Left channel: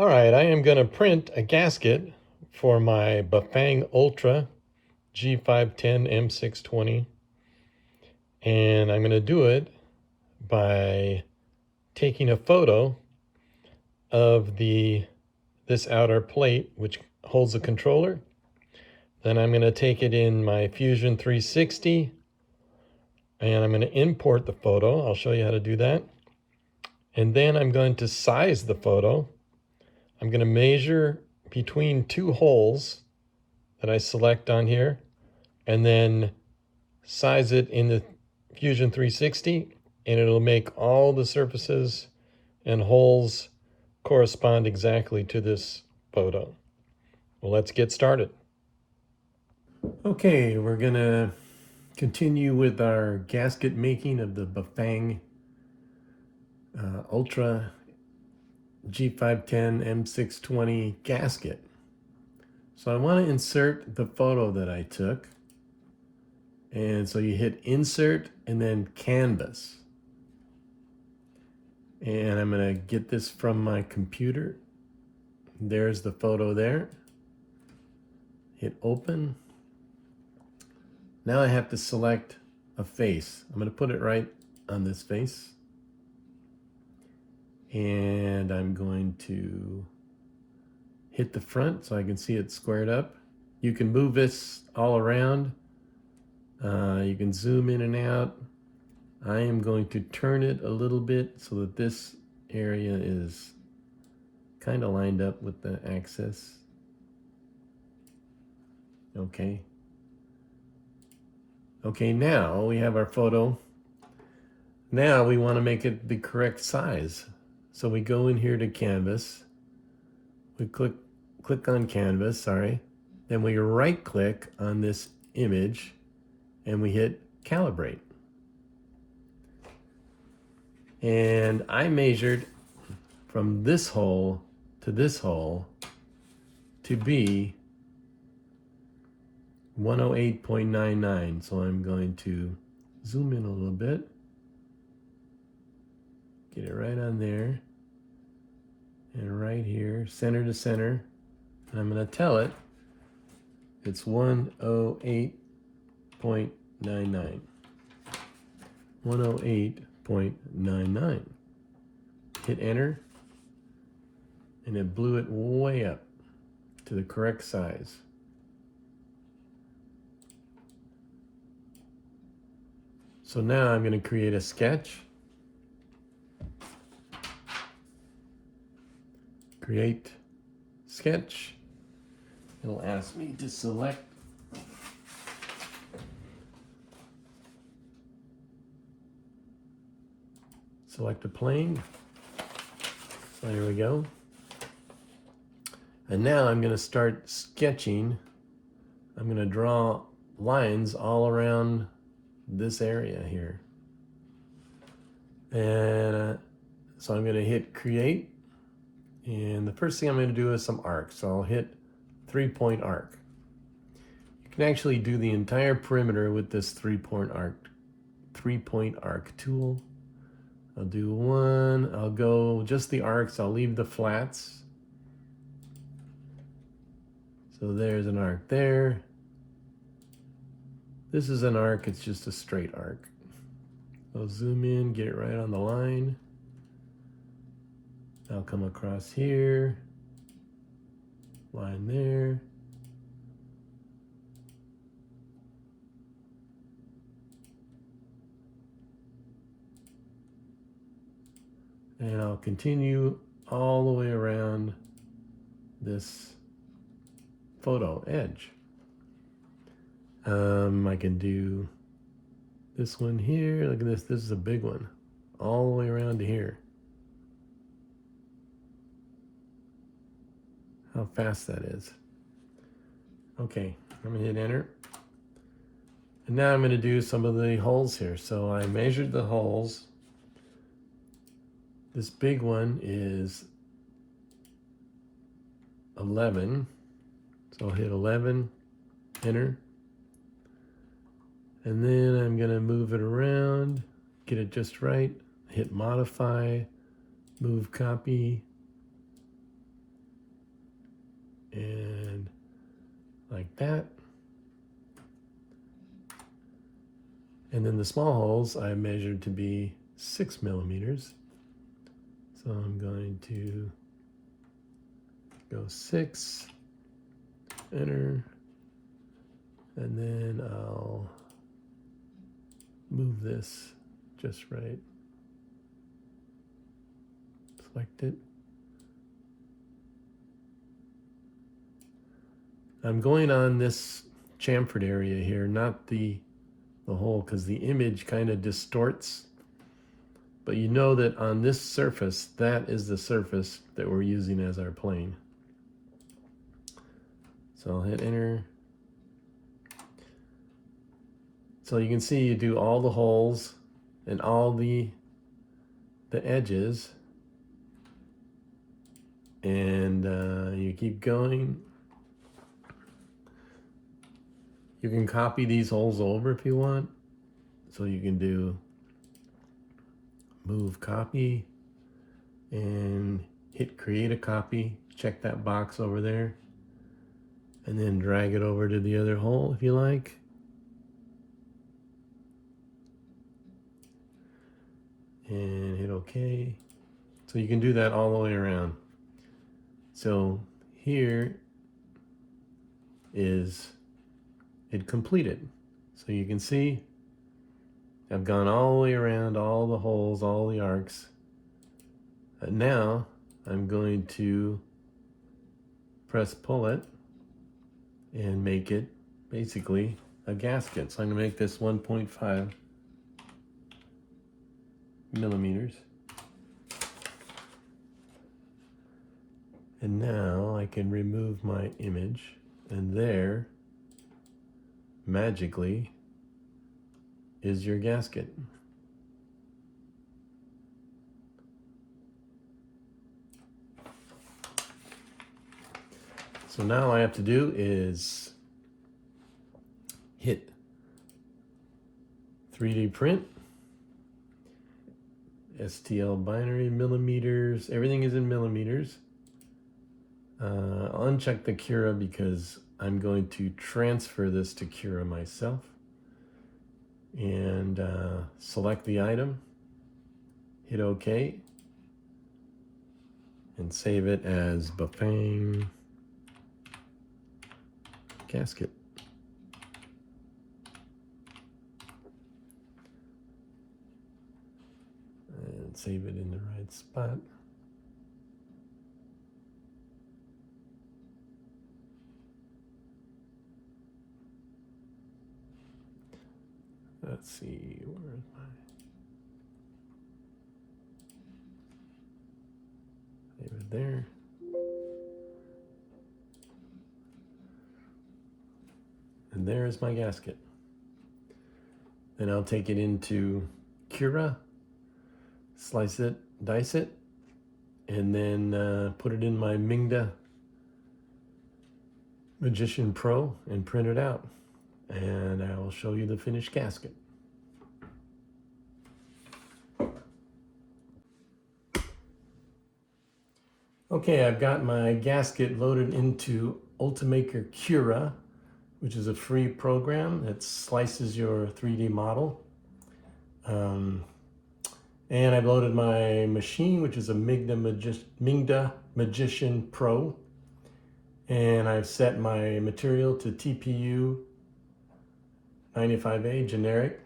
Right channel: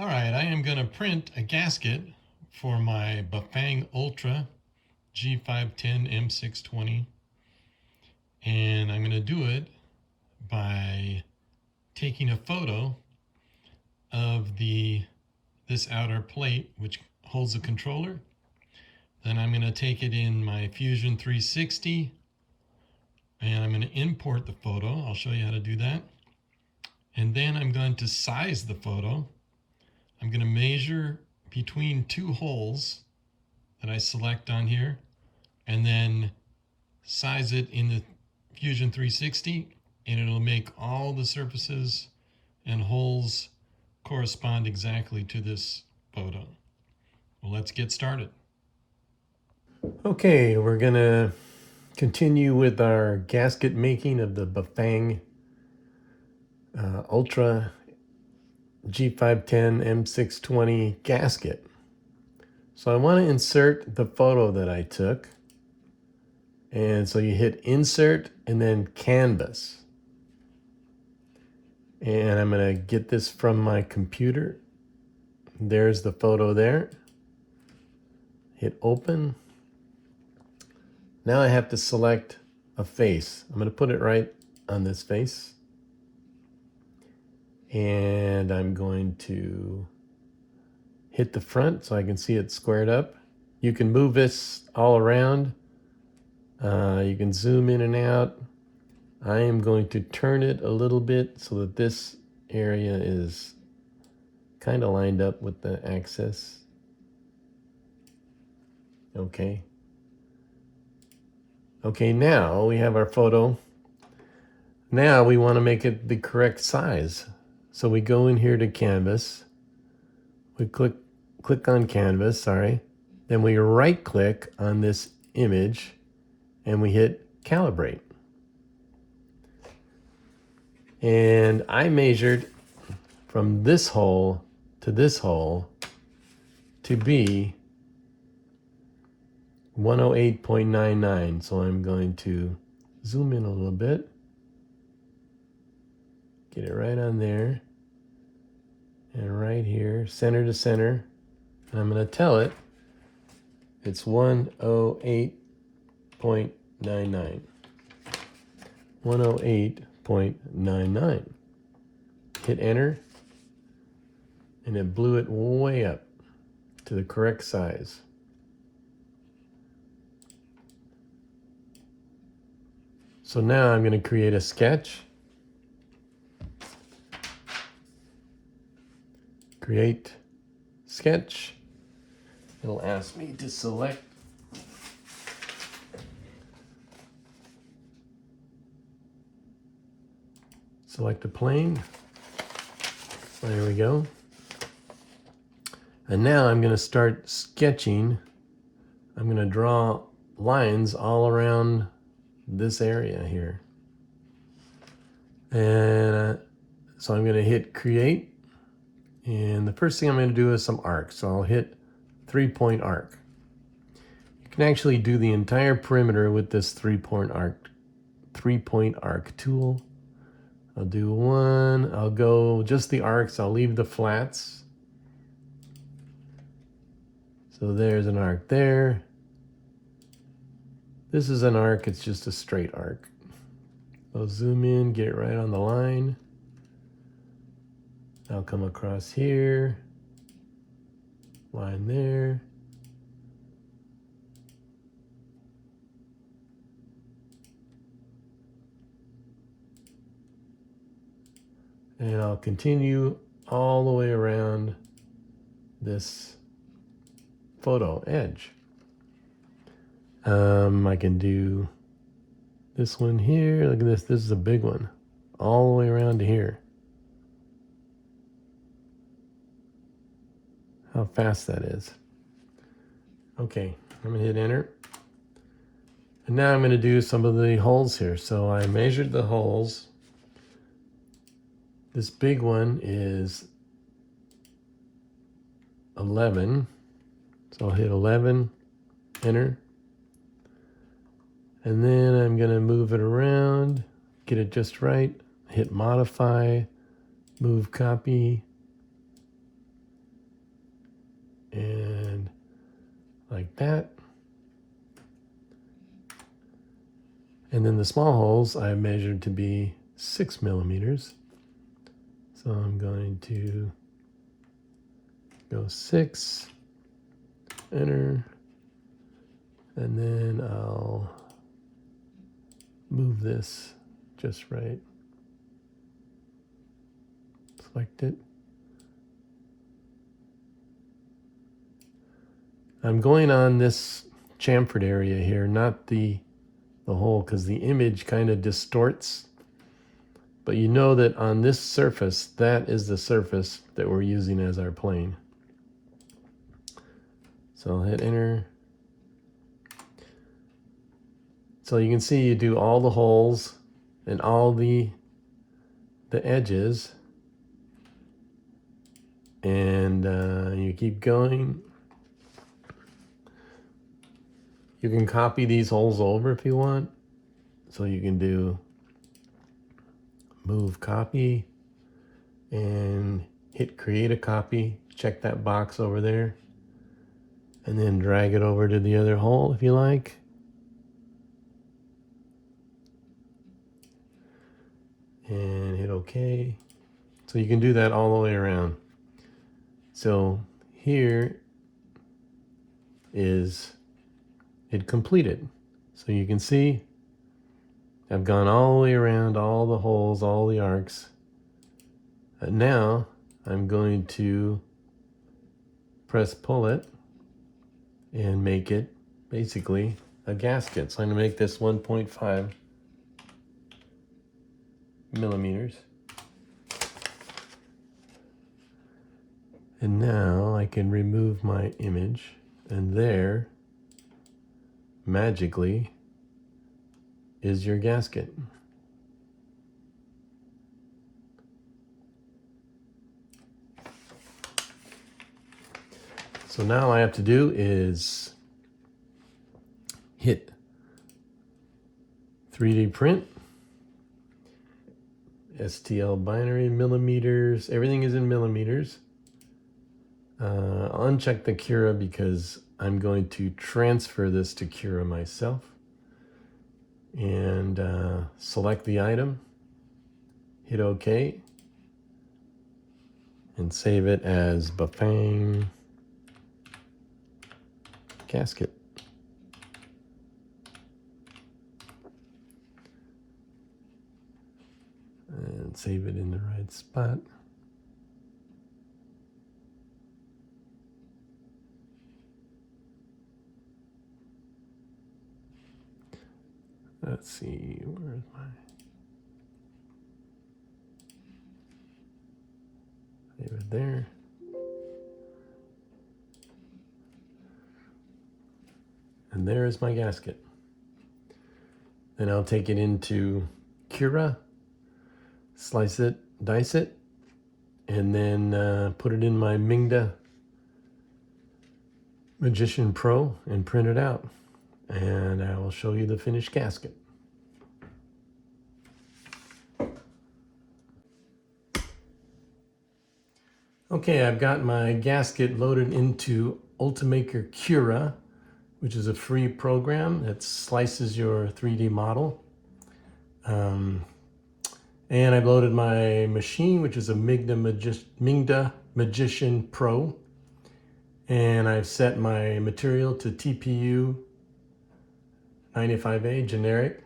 All right, I am going to print a gasket for my Bafang Ultra G510 M620, and I'm going to do it by taking a photo of this outer plate which holds the controller. Then I'm going to take it in my Fusion 360 and I'm going to import the photo. I'll show you how to do that. And then I'm going to size the photo. I'm going to measure between two holes that I select on here and then size it in the Fusion 360, and it'll make all the surfaces and holes correspond exactly to this photo. Well, let's get started. Okay, we're gonna continue with our gasket making of the Bafang Ultra G510 M620 gasket. So I want to insert the photo that I took. And so you hit insert and then canvas. And I'm going to get this from my computer. There's the photo there. Hit open. Now I have to select a face. I'm going to put it right on this face. And I'm going to hit the front so I can see it squared up. You can move this all around. You can zoom in and out. I am going to turn it a little bit so that this area is kind of lined up with the axis. Okay. Okay, now we have our photo. Now we want to make it the correct size. So we go in here to canvas. We click on canvas, sorry. Then we right click on this image and we hit calibrate. And I measured from this hole to be 108.99. So I'm going to zoom in a little bit. Get it right on there. And right here, center to center. And I'm going to tell it it's 108.99. 108.99. Hit enter, and it blew it way up to the correct size. So now I'm going to create a sketch. Create sketch. It'll ask me to select a plane. There we go. And now I'm going to start sketching. I'm going to draw lines all around this area here. And so I'm going to hit create. And the first thing I'm going to do is some arcs. So I'll hit 3-point arc. You can actually do the entire perimeter with this 3-point arc tool. I'll do one. I'll go just the arcs. I'll leave the flats. So there's an arc there. This is an arc. It's just a straight arc. I'll zoom in, get right on the line. I'll come across here. Line there. And I'll continue all the way around this photo edge. I can do this one here. Look at this. This is a big one. All the way around to here. How fast that is. Okay, I'm going to hit enter. And now I'm going to do some of the holes here. So I measured the holes. This big one is 11. So I'll hit 11, enter. And then I'm going to move it around, get it just right, hit modify, move copy. and like that. And then the small holes I measured to be 6 millimeters. So I'm going to go 6, enter, and then I'll move this just right. Select it. I'm going on this chamfered area here, not the hole, because the image kind of distorts. But you know that on this surface, that is the surface that we're using as our plane. So I'll hit enter. So you can see you do all the holes and all the edges, and you keep going. You can copy these holes over if you want. So you can do move copy and hit create a copy. Check that box over there. And then drag it over to the other hole if you like. And hit OK. So you can do that all the way around. So here is it completed. So you can see I've gone all the way around all the holes, all the arcs. And now I'm going to press pull it and make it basically a gasket. So I'm going to make this 1.5 millimeters. And now I can remove my image, and there, magically, is your gasket. So now all I have to do is hit 3D print, STL binary, millimeters, everything is in millimeters. I'll uncheck the Cura because I'm going to transfer this to Cura myself. And select the item, hit OK, and save it as Bafang gasket. And save it in the right spot. Let's see, where's my... Save it there. And there's my gasket. Then I'll take it into Cura, slice it, dice it, and then put it in my Mingda Magician Pro and print it out. And I will show you the finished gasket. Okay, I've got my gasket loaded into Ultimaker Cura, which is a free program that slices your 3D model. And I've loaded my machine, which is a Mingda Magician Pro. And I've set my material to TPU 95A generic,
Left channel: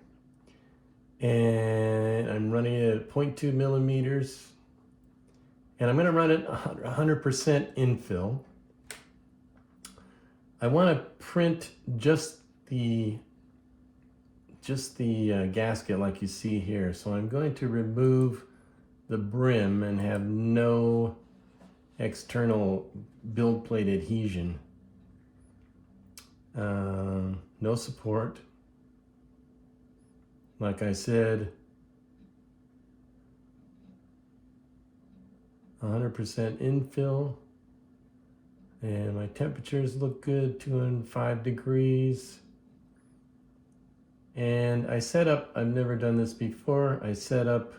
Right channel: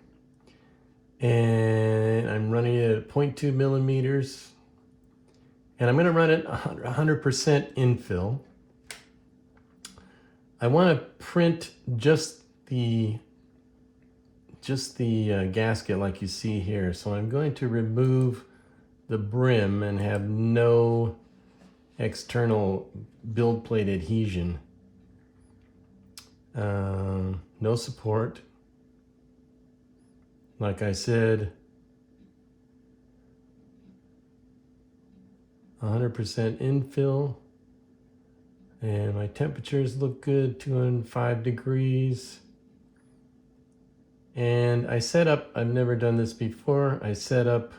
and I'm running it at 0.2 millimeters, and I'm going to run it 100% infill. I want to print just the gasket like you see here, so I'm going to remove the brim and have no external build plate adhesion, no support. Like I said, 100% infill, and my temperatures look good, 205 degrees. And I set up, I've never done this before, I set up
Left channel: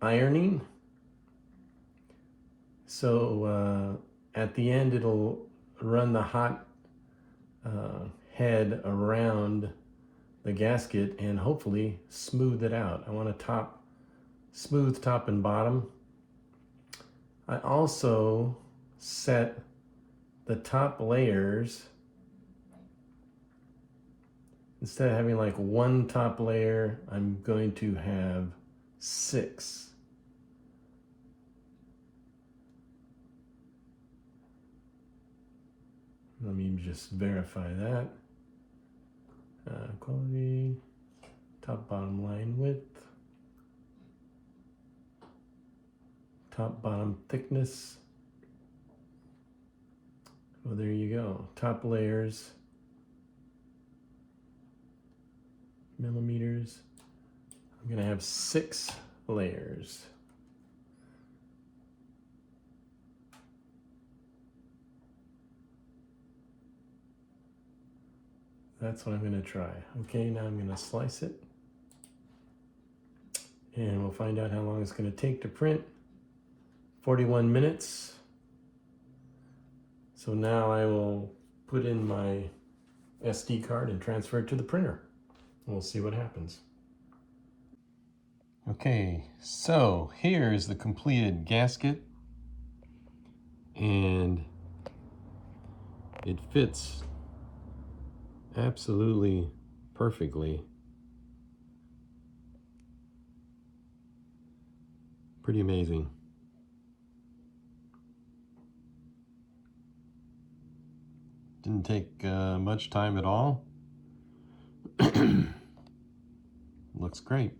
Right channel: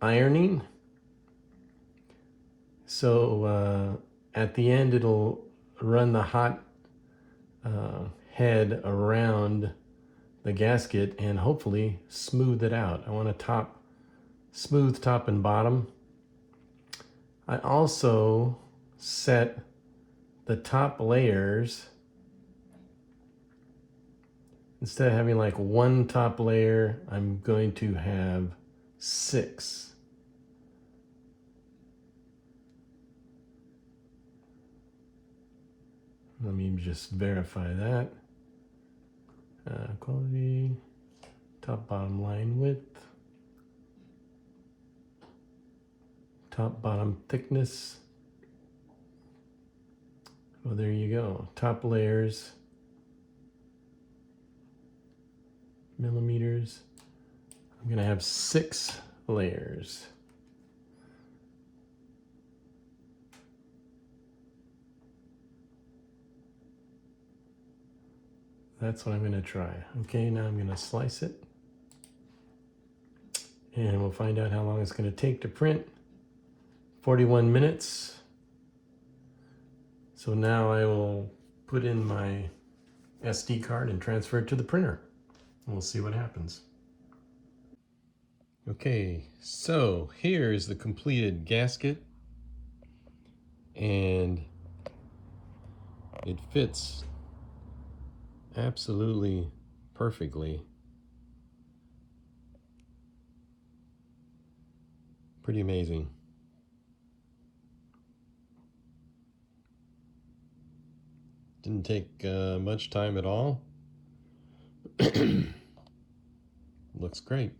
ironing. So at the end it'll run the hot head around the gasket and hopefully smooth it out. I want a smooth top and bottom. I also set the top layers, instead of having like one top layer, I'm going to have 6. Let me just verify that. Quality, top bottom line width, top bottom thickness. Oh, there you go. Top layers, millimeters. I'm gonna have 6 layers. That's what I'm gonna try. Okay, now I'm gonna slice it. And we'll find out how long it's gonna take to print. 41 minutes. So now I will put in my SD card and transfer it to the printer. And we'll see what happens. Okay, so here's the completed gasket. And it fits absolutely perfectly. Pretty amazing. Didn't take much time at all. Looks great.